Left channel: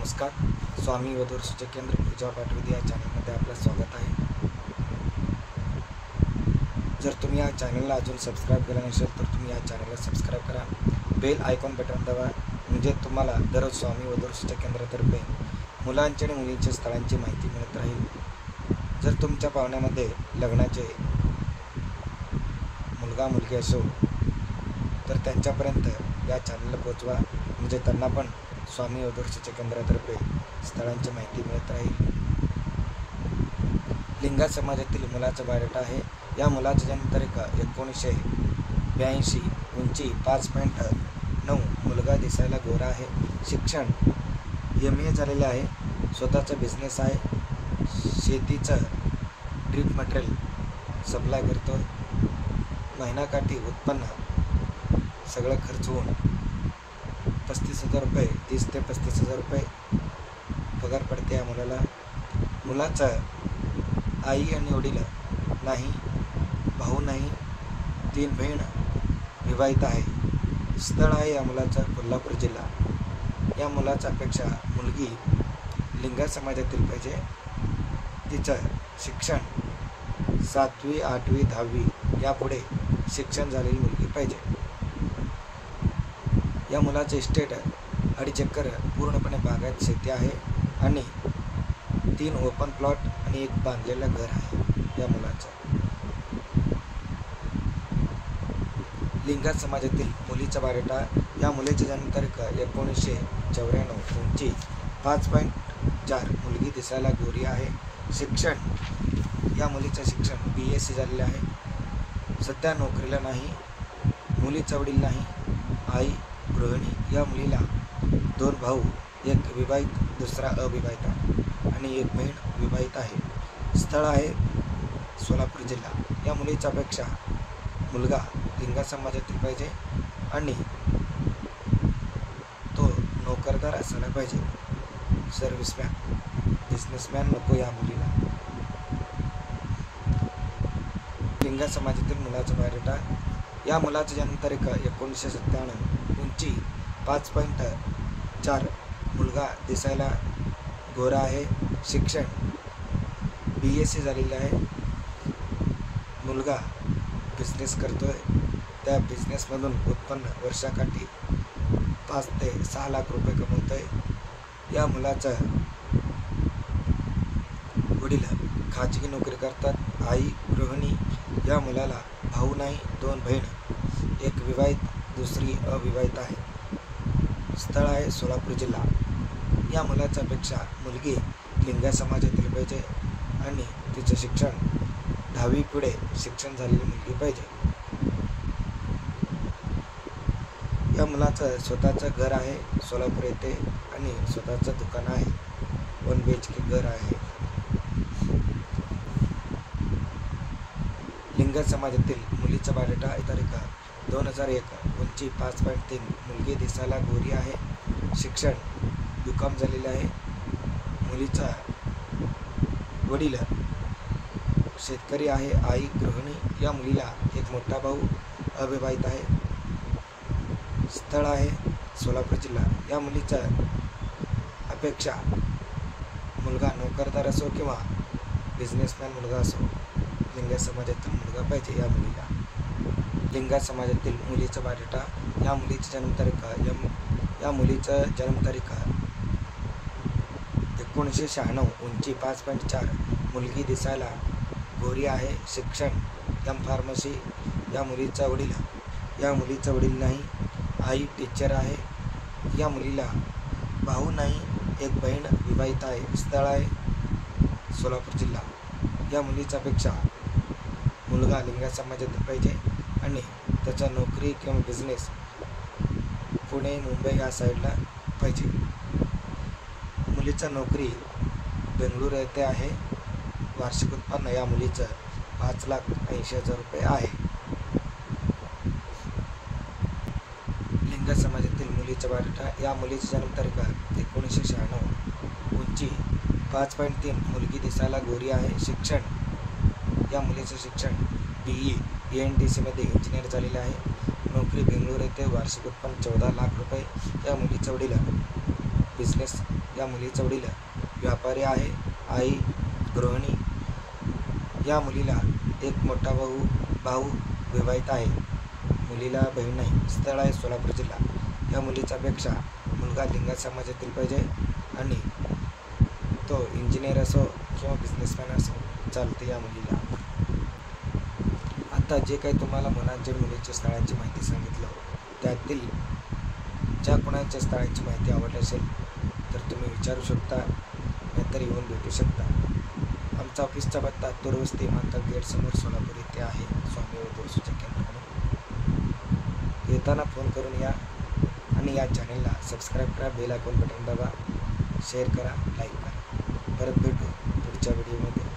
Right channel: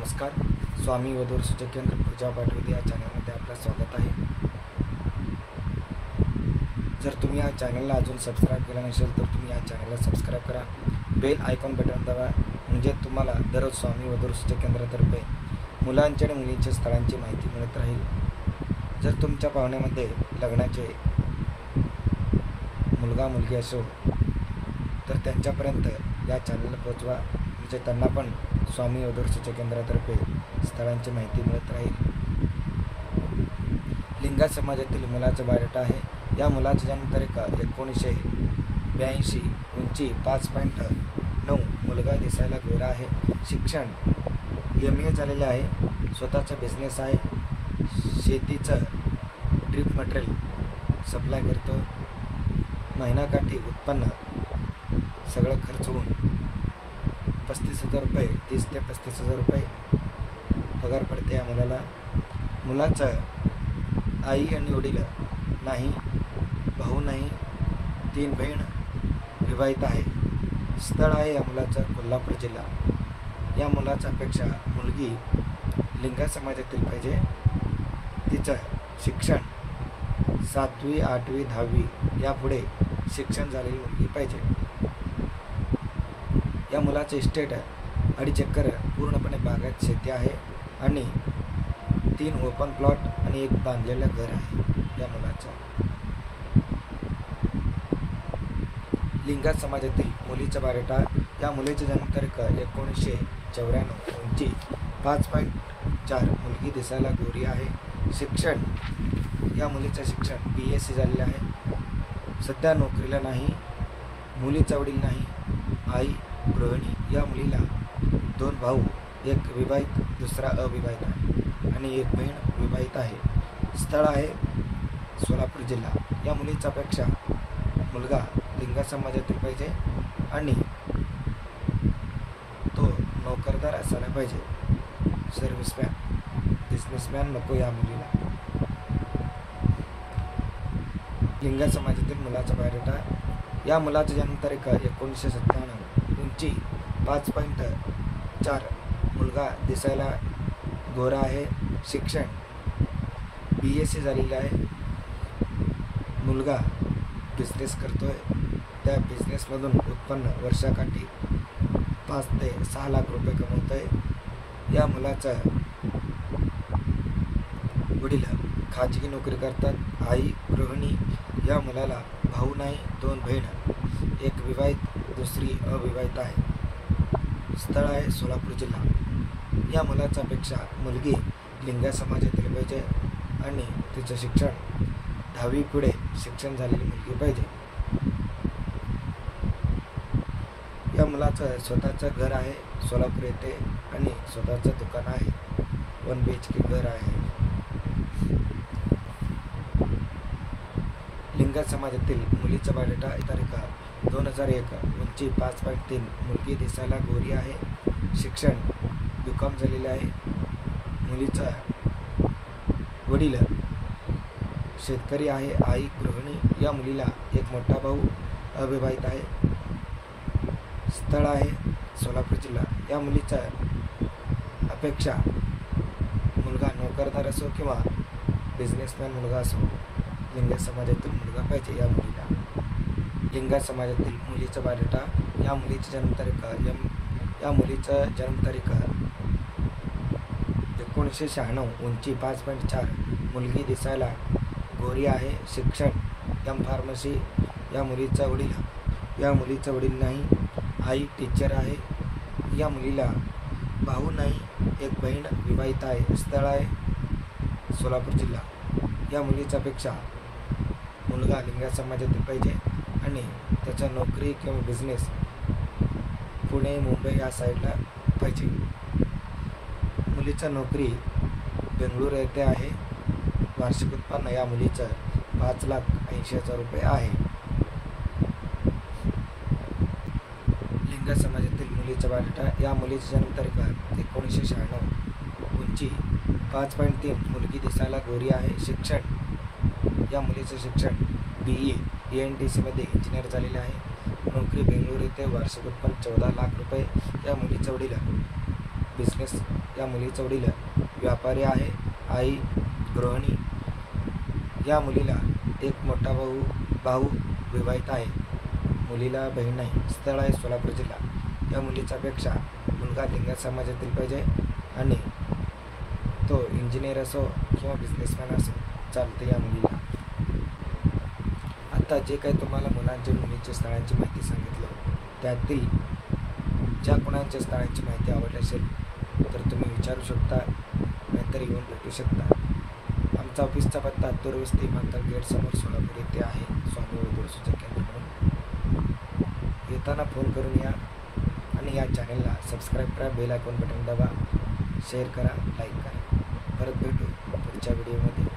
नमस्कार. स्वामी वधूवर सूचक केंद्र पूजा पाठविते या चॅनलमध्ये आपलं स्वागत आहे. जर तुम्ही या चॅनलला अजून सबस्क्राईब केलं नसेल तर तुम्ही या चॅनलला सबस्क्राईब करा. बेल आयकॉन बटन दाबा, म्हणजे तुम्हाला दररोज स्वामी वधूवर सूचक केंद्रातर्फे मुलांच्या आणि मुलींच्या स्थळांची माहिती मिळत राहील. जर तुमच्या पाहुण्यामध्ये लग्नाचे मुलगा मुलगी असो तर त्यांच्यापर्यंत या चॅनलला पोहोचवा, म्हणजे त्यांना पण स्वामी वधूवर सूचक केंद्रातर्फे स्थळांची माहिती मिळत राहील. लिंगायत समाजातील मुलाचा बायोडाटा आहे. या मुलाची जन्मतारीख 1982, उंची 5.9, मुलगा दिसायला गोरा आहे, शिक्षण MA झालेले आहे, स्वतःचा बिझनेस आहे, शेतीचं ड्रीप मटेरियल सप्लाय करतो, महिनाकाठी उत्पन्न सगळं खर्च होऊन 35,000 रुपये, 30 ते 35,000 रुपये पगार पडते या मुलाला. मुलाचं आई आणि वडील नाही, भाऊ नाही, 3 बहीण, विवाहित आहे. स्थळ आहे या मुलाचं कोल्हापूर जिल्हा. या मुलाचा अपेक्षा मुलगी लिंगायत समाजातील पाहिजे. तिचं शिक्षण 7वी, 8वी, 10वी यापुढे शिक्षण झालेली मुलगी पाहिजे. या मुलाचे इस्टेट 2.5 एकर पूर्णपणे बागायत शेती आहे आणि 3 ओपन प्लॉट आणि 1 बांधलेलं घर आहे या मुलाचं. लिंगायत समाजातील मुलीचा बायोडाटा. या मुलीची जन्मतारीख 1994, उंची 5.4, मुलगी दिसायला गोरी आहे, शिक्षण या मुलीचं शिक्षण BSc झालेलं आहे, सध्या नोकरीला नाही, मुलीचा वडील नाही, आई गृहिणी. या मुलीला 2 भाऊ, 1 विवाहित दुसरा अविवाहित आहे आणि 1 बहीण विवाहित आहे. स्थळ आहे सोलापूर जिल्हा. या मुलीचा अपेक्षा मुलगा लिंगायत समाजातील पाहिजे आणि तो नोकरदार असायला पाहिजे, सर्व्हिसमॅन, बिझनेसमॅन नको या मुलीला. लिंगायत समाजातील मुलाचा बायोडाटा. या मुलाची जन्मतारीख 1997, उंची 5.4, मुलगा दिसायला गोरा आहे, शिक्षण BSc झालेले आहे, मुलगा बिझनेस करतोय, त्या बिझनेसमधून उत्पन्न वर्षाकाठी 5 ते 6 लाख रुपये कमवतोय. या मुलाचा वडील खाजगी नोकरी करतात, आई गृहिणी. या मुलाला भाऊ नाही, 2 बहीण, 1 विवाहित दुसरी अविवाहित आहे. स्थळ आहे सोलापूर जिल्हा. या मुलाच्या अपेक्षा मुलगी लिंगायत समाजातील पाहिजे आणि तिचं शिक्षण 10वी पुढे शिक्षण झालेली मुलगी पाहिजे. या मुलाचं स्वतःचं घर आहे सोलापूर येथे आणि स्वतःचं दुकान आहे, 1 BHK घर आहे. लिंगायत समाजातील मुलीचा बायोडाटा. तारीख 2001, उंची 5.3, मुलगी दिसायला गोरी आहे, शिक्षण BCom झालेले आहे, मुलीचा वडील शेतकरी आहे, आई गृहिणी. या मुलीला 1 मोठा भाऊ अविवाहित आहे. स्थळ आहे सोलापूर जिल्हा. या मुलीचा अपेक्षा मुलगा नोकरदार असो किंवा बिझनेसमॅन मुलगा असो, लिंगायत समाजातील मुलगा पाहिजे या मुलीला. लिंगायत समाजातील मुलीचा बायोडाटा. या मुलीची जन्मतारीख 1996, उंची 5.4, मुलगी दिसायला गोरी आहे, शिक्षण फार्मसी. या मुलीचा वडील नाही, आई टीचर आहे. या मुलीला भाऊ नाही, 1 बहीण विवाहित आहे. स्थळ आहे सोलापूर जिल्हा. या मुलीच्या अपेक्षा मुलगा लिंगायत समाजातील पाहिजे आणि त्याचा नोकरी किंवा बिझनेस पुणे मुंबई या साईडला पाहिजे. मुलीचा नोकरी बेंगळूर येथे आहे. वार्षिक उत्पन्न या मुलीचं 5,80,000 रुपये आहे. लिंगायत समाजातील मुलीचा बायोडाटा. या मुलीची जन्मतारीख 1996, उंची 5.3, मुलगी दिसायला गोरी आहे, शिक्षण या मुलीचं शिक्षण BE ENTC मध्ये इंजिनियर झालेले आहे, नोकरी बेंगळूर येथे, वार्षिक उत्पन्न 14 लाख रुपये. या मुलीचा वडील बिझनेस. या मुलीचा वडील व्यापारी आहे, आई गृहिणी. या मुलीला एक मोठा भाऊ विवाहित आहे. मुलीला बहीण नाही. स्थळ आहे सोलापूर जिल्हा. या मुलीच्या पेक्षा मुलगा लिंगायत समाजातील पाहिजे आणि तो इंजिनियर असो किंवा बिझनेसमॅन असो चालते या मुलीला. आता जे काही तुम्हाला मुलांच्या मुलीच्या स्थळांची माहिती सांगितलं, त्यातील ज्या कोणाच्या स्थळांची माहिती आवडली असेल तर तुम्ही विचारू शकता, नाहीतर येऊन भेटू शकता. आमचा ऑफिसचा पत्ता तुरवस्ती विमानतळ गेट समोर सोलापूर येथे आहे. स्वामी व सूचक केंद्र म्हणून येताना फोन करून या आणि या चॅनलला सबस्क्राईब करा, बेल आयकॉन बटन दाबा, शेअर करा, लाईक करा. परत भेटू पुढच्या व्हिडिओमध्ये.